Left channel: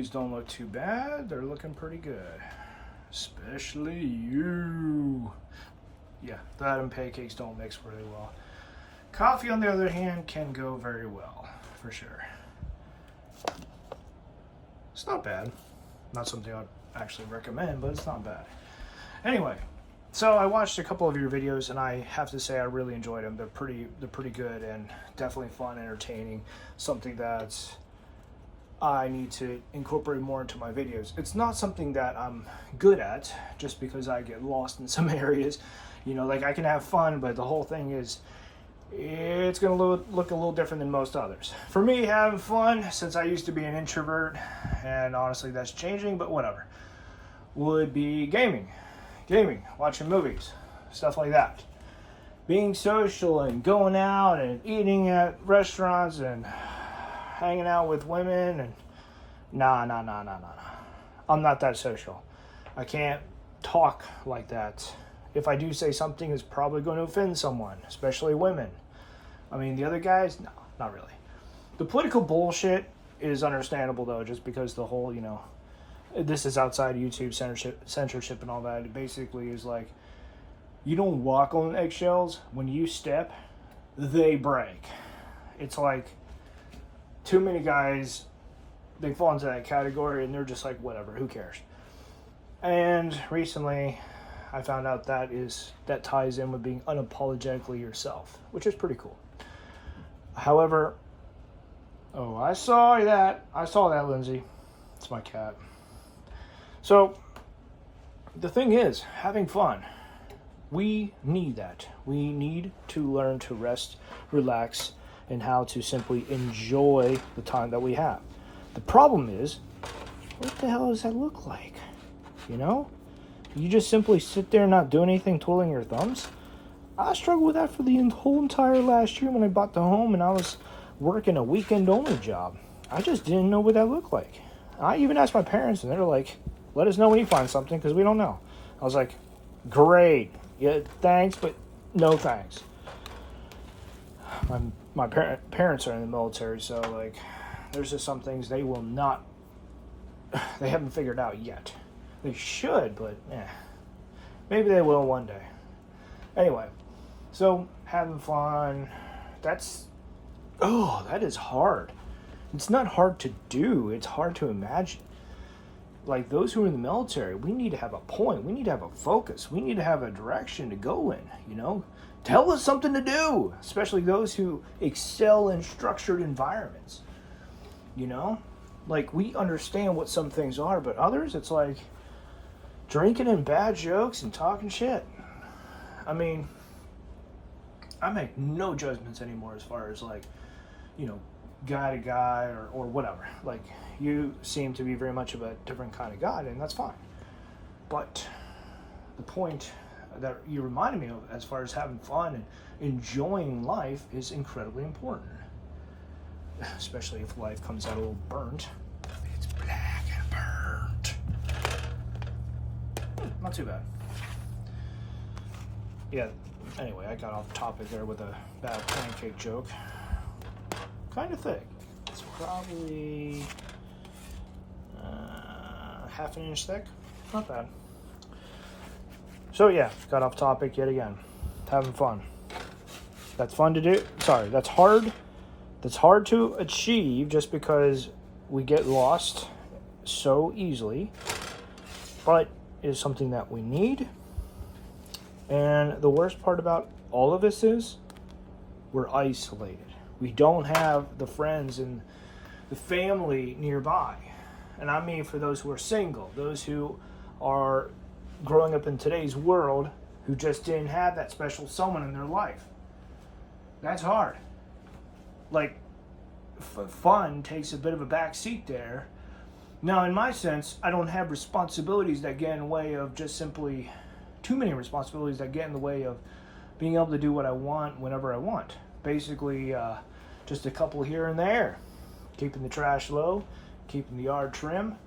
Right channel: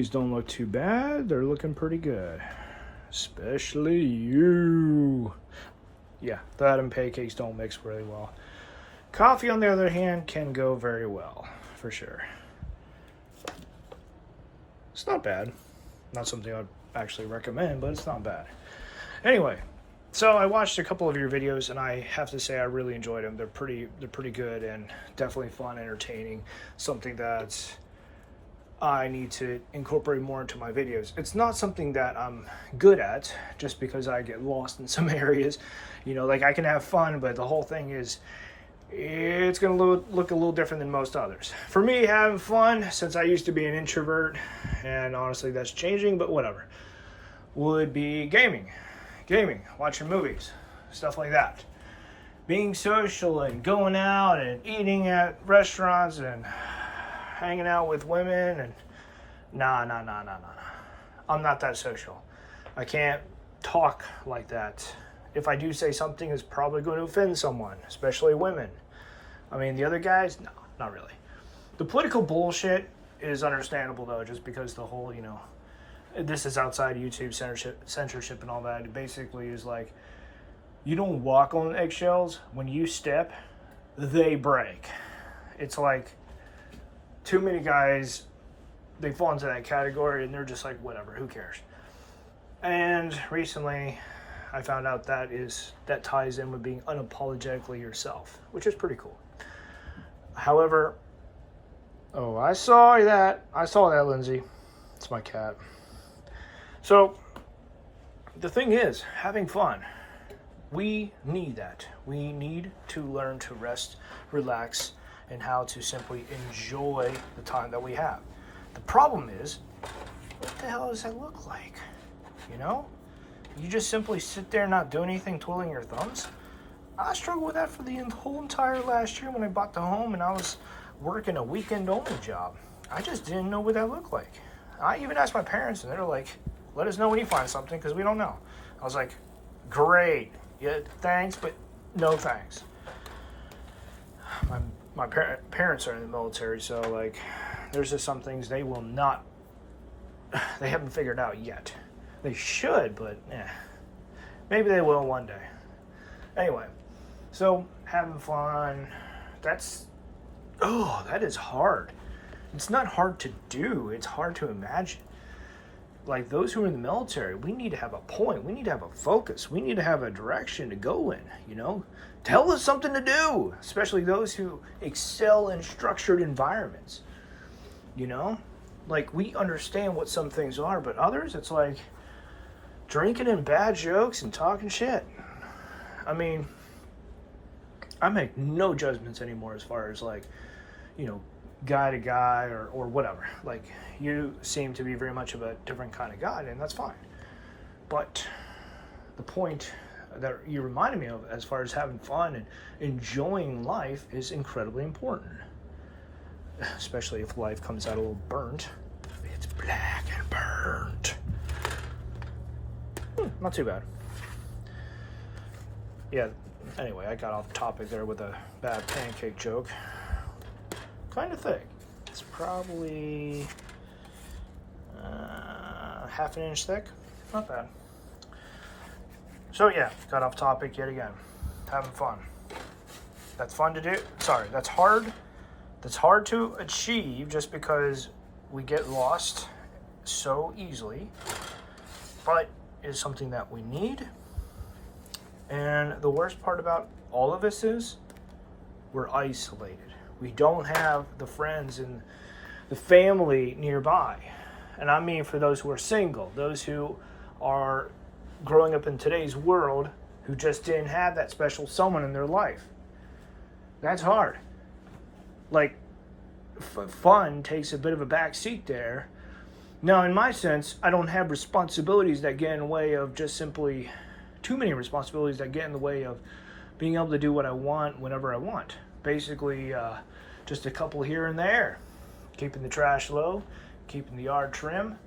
These don't look too bad. They're looking pretty good. Especially you. Yeah, that and pancakes don't mix really well. Coffee, on the other hand, can go very well, for sure. It's not bad. Not something I'd actually recommend, but it's not bad. Anyway, so I watched a couple of your videos, and I have to say I really enjoyed them. They're pretty good and definitely fun, entertaining. Something that I need to incorporate more into my videos. It's not something that I'm good at, just because I get lost in some areas. You know, like I can have fun, but the whole thing is, it's going to look a little different than most others. For me, having fun, since I used to be an introvert, and honestly that's changing, but whatever, would be gaming, watching movies, stuff like that. Being social and going out and eating at restaurants and hanging out with women and nah. I'm not that social. I can't talk like that. If I do say something, it's probably going to offend someone, especially women. I mean, the other guys, no, not really. The political bullshit is understandable, though, just because the whole, you know, this is outside YouTube censorship and all that. It basically is like, you don't walk on eggshells. When you step, they break. It's like, too many guys, they fall into that category, and they're just like, whatever, who cares? And recently, I found out that ties in with being unapologetically yourself, which is pretty cool. However, I saw that, Lindsay. It's my cat. So, the thing is, having fun. We need that. We need to learn to rest, relax, and how to simply enjoy the time that we have. The problem is, what the hell does that look like? You know? You just simply sit there and not do anything, twiddling your thumbs? I struggled with that for the whole entire last year when I bought the home and I was working a weekend-only job. I just didn't know what that looked like. I even asked my parents, and they're like, let us know when you find something, because we don't know. I was like, great. Yeah, thanks, but no thanks. My parents are in the military, so, like, there's just some things they will not, they haven't figured out yet. They should, but maybe they will one day. Anyway, so having fun, that is hard. It's not hard to do, it's hard to imagine. Like those who are in the military, we need to have a point, we need to have a focus, we need to have a direction to go in, you know? Tell us something to do, especially those who excel in structured environments, you know? Like, we understand what some things are, but others, it's like drinking and bad jokes and talking shit. I mean, I make no judgments anymore as far as, like, you know, guy to guy or whatever. Like, you seem to be very much of a different kind of guy, and that's fine. But the point that you reminded me of as far as having fun and enjoying life is incredibly important. Especially if life comes out a little burnt. It's black and burnt. Not too bad. Yeah, anyway, I got off topic there with a bad pancake joke. Kind of thick. It's probably half an inch thick. Not bad. So yeah, got off topic yet again. Having fun. That's fun to do. Sorry, that's hard. That's hard to achieve just because we get lost so easily. But is something that we need. And the worst part about all of this is we're isolated. We don't have the friends and the family nearby. And I mean for those who are single, those who are growing up in today's world who just didn't have that special someone in their life. That's hard. Like, fun takes a bit of a back seat there. Now, in my sense, I don't have responsibilities that get in the way of just simply too many responsibilities that get in the way of being able to do what I want whenever I want. Basically, just a couple here and there. Keeping the trash low, keeping the yard trim,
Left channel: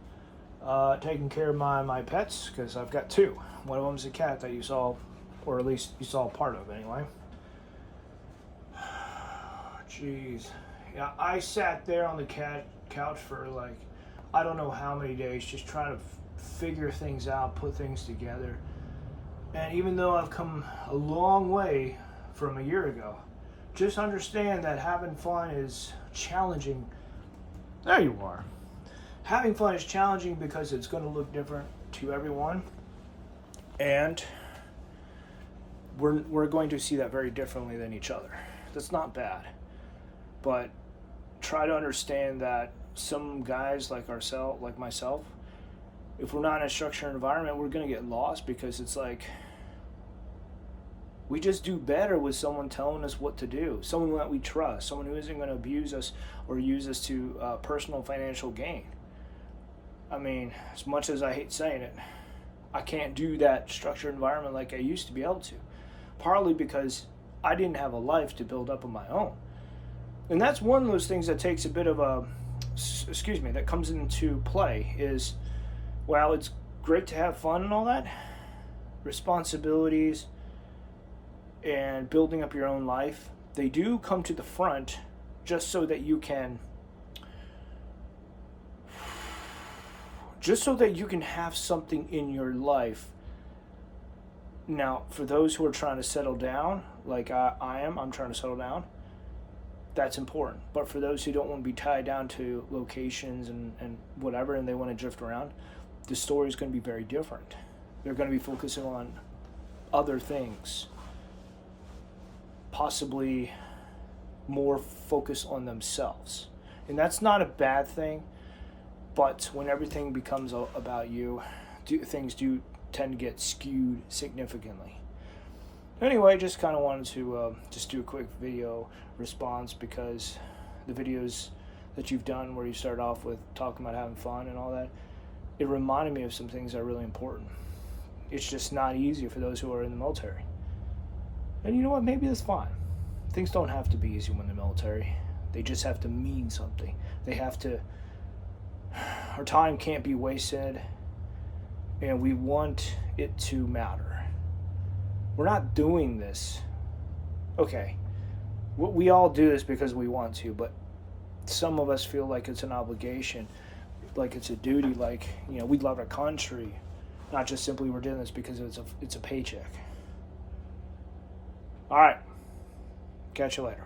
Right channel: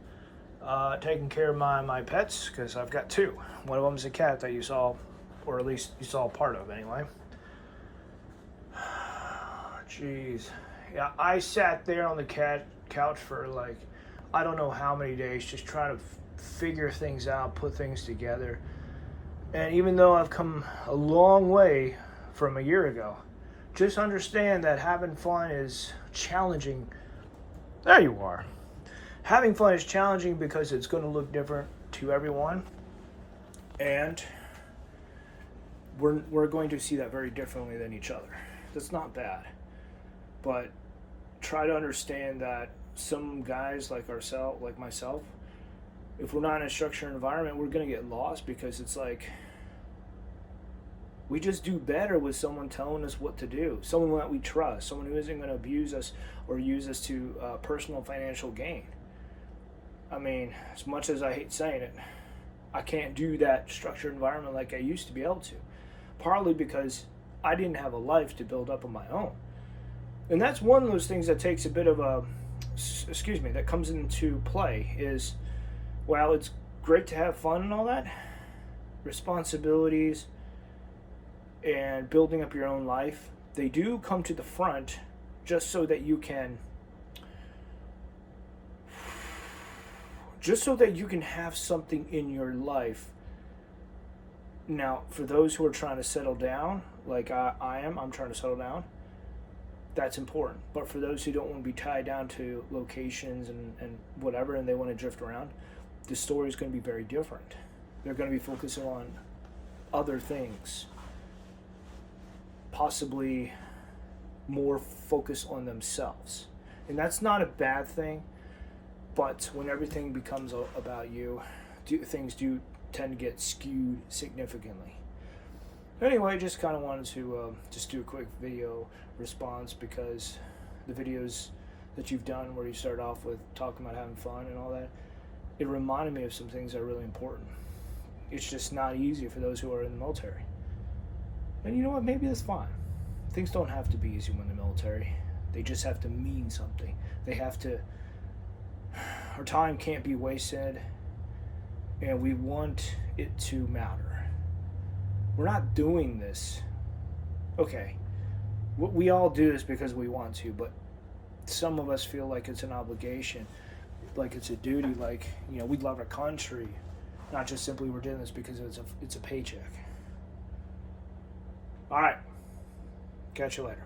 taking care of my pets, because I've got two. One of them's a cat that you saw, or at least you saw part of anyway. Jeez. Yeah, I sat there on the couch for like I don't know how many days just trying to figure things out, put things together. And even though I've come a long way from a year ago, just understand that having fun is challenging. There you are. Having fun is challenging because it's going to look different to everyone. And we're going to see that very differently than each other. That's not bad. But try to understand that some guys like myself, if we're not in a structured environment, we're going to get lost, because it's like we just do better with someone telling us what to do, someone that we trust, someone who isn't going to abuse us or use us to personal financial gain. I mean, as much as I hate saying it, I can't do that structured environment like I used to be able to, partly because I didn't have a life to build up on my own. And that's one of those things that takes a bit of that comes into play is, while it's great to have fun and all that, responsibilities and building up your own life, they do come to the front just so that you can have something in your life. Now, for those who are trying to settle down, like I'm trying to settle down, that's important. But for those who don't want to be tied down to locations and whatever, and they want to drift around, the story is going to be very different. They're going to be focusing on other things, possibly more focus on themselves. And that's not a bad thing, but when everything becomes about you, things do tend to get skewed significantly. Anyway, just kind of wanted to just do a quick video response, because the videos that you've done where you start off with talking about having fun and all that, it reminded me of some things that are really important. It's just not easy for those who are in the military. And you know what? Maybe that's fine. Things don't have to be easy when in the military. They just have to mean something. They have to... Our time can't be wasted, and we want it to matter. We're not doing this. Okay, we all do this because we want to, but some of us feel like it's an obligation, like it's a duty, like, you know, we love our country, not just simply we're doing this because it's a paycheck. All right, catch you later.